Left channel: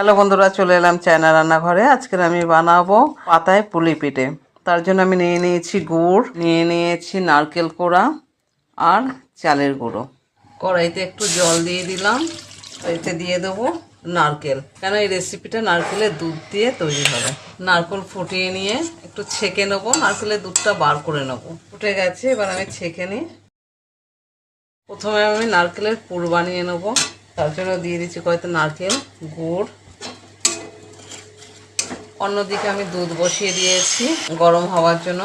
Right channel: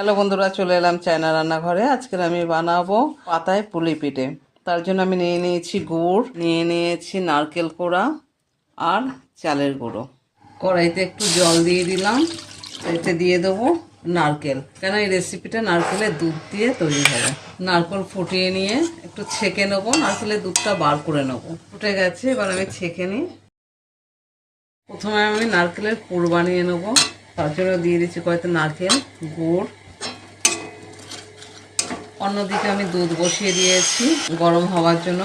Hello বন্ধুরা, চলে এলাম চায়না রান্নাঘরে। আজকের আমি বানাবো পাতায় পুলি পিঠে। তার জন্য আমি নিয়ে নিয়েছি গুড়, নিয়ে নিয়েছি নারকেল কোড়া আর চালের গুঁড়ো। কড়াইতে একটু জল দিয়ে দিলাম, এতে দিয়ে দেবো নারকেল। কেন এই রেসিপিটা নারকেলের দুধ দিয়ে তৈরি হবে। নারকেল ফুটিয়ে নিয়ে একটু ছেঁকে নেবো, নারকেলের দুধটা বার করে নেবো। ফুটে গেছে, এবার আমি ছেঁকে নিই। প্রথমে আমি নারকেলের পুর বানিয়ে নেবো। তার জন্য দিয়ে দিচ্ছি কয়েকটা নারকেল, গুড়। অন্যদিকে আমি দুধ বসিয়ে দিয়েছি গরম হওয়ার জন্য।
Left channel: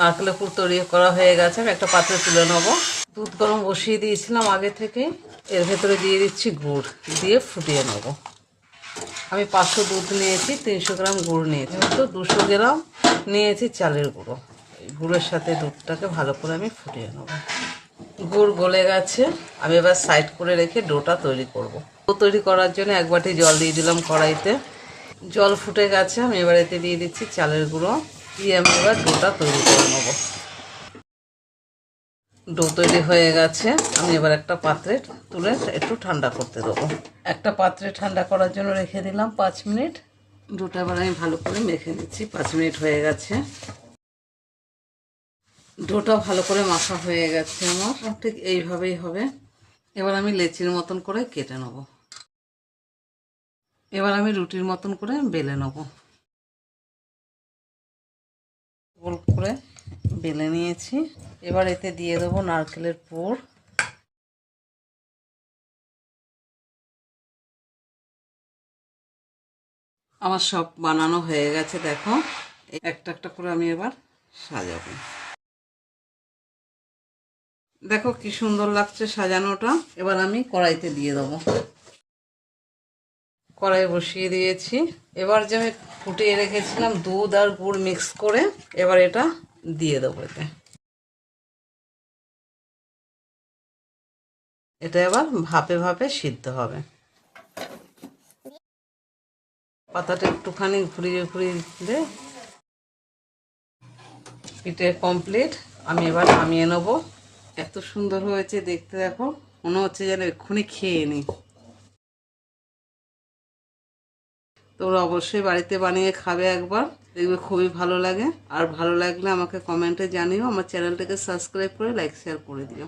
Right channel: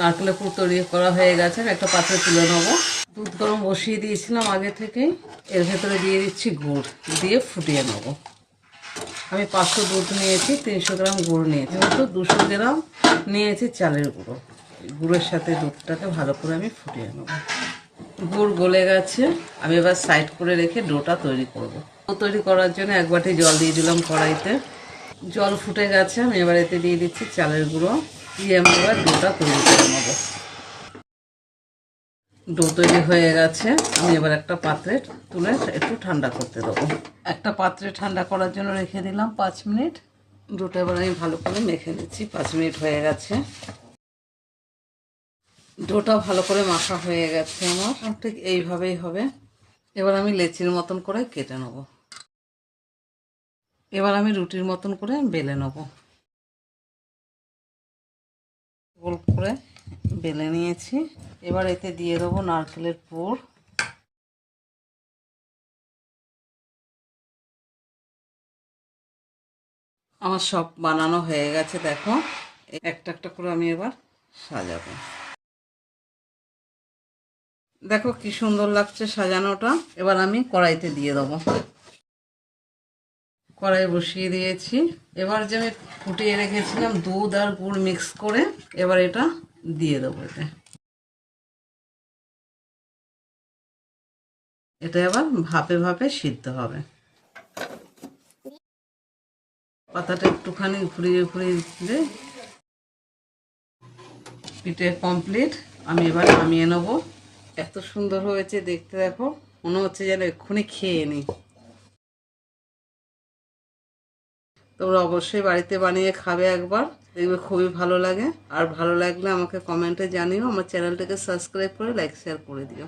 নারকেলের পুর তৈরি করা হয়ে গেছে, আমি একটা পাত্রে তুলে নেবো। দুধ গরম বসিয়ে দিয়েছিলাম আগে থেকে। এর ভেতরে দিয়ে দিচ্ছি গুড়, দিয়ে ফুটিয়ে নেবো। আমি 500 দুধ নিয়েছি, 300 গ্রাম গুড় নিয়েছি, তো 200 গ্রাম নিয়েছি চালের গুঁড়ো। গুড়ের সাথে দুধটাকে ভালো করে আমি ফুটিয়ে নেবো। গুড় গলে গেছে, আমি এবার সাইড করে রেখে ডোটা তৈরি করব। ডো তৈরি করার জন্য 1 বাটি জল দিয়ে দিলাম কড়াইতে। জল ফুটে গেছে, আমি এবার এতে দিয়ে দিচ্ছি চালের গুঁড়ো, দিয়ে আমি এবার ডোটা তৈরি করে নেব। ডো তৈরি হয়ে গেছে, আমি এবার একটা পাত্রে তুলে একটু ঠান্ডা করতে দেবো। একটা পাত্রে ঠান্ডা করার জন্য রেখে দিলাম 5 মিনিট। ডোটা এবার আমি ভালো করে মেখে নিচ্ছি। 5 মিনিট হয়ে গেছে, ডোটা ভালো করে মাখা হয়ে গেছে আমার। ঠিক এইভাবেই হবে। এবার আমি লেচির মতন করে কেটে নেব। এবার আমি রুটির মতন করে বেলে নেব। গোল করে বেলে নিয়েছি। এবার এতে দিয়ে দেবো নারকেলের পুর। আমার সব বানানো হয়ে গেছে, দেখো। একটা একটা করে আমি এবার সাজাবো। দেখো কি সুন্দর লাগছে সাজানোটা। এবার আমি কড়াইতে দিয়ে দেবো। কড়াই বসিয়ে দিয়েছি। এবার যে আমি ফুটিয়ে রেখেছিলাম দুধ আর গুড় মিক্স করে, এবার এটা দিয়ে দেবো এতে। এটা এবার ভাপে ভাপে সিদ্ধ হবে। পাতাটা একটুখানি ঘুরিয়ে ঘুরিয়ে দিলে পিঠে কমপ্লিট। আমি এবার নামিয়ে নেব। এত সুন্দর হয়েছে দেখতে, দেখো। মনে হচ্ছে যেন এক্ষুনি খেয়ে নিই। তোমরা অবশ্যই বাড়িতে বানিয়ে খাবে একবার, দেখবে খুবই ভালো লাগে। আর ভালো লাগলে আমাকে কমেন্টে জানিও। আমার চ্যানেলটাকে সাবস্ক্রাইব করে লাইক শেয়ার করে দিও।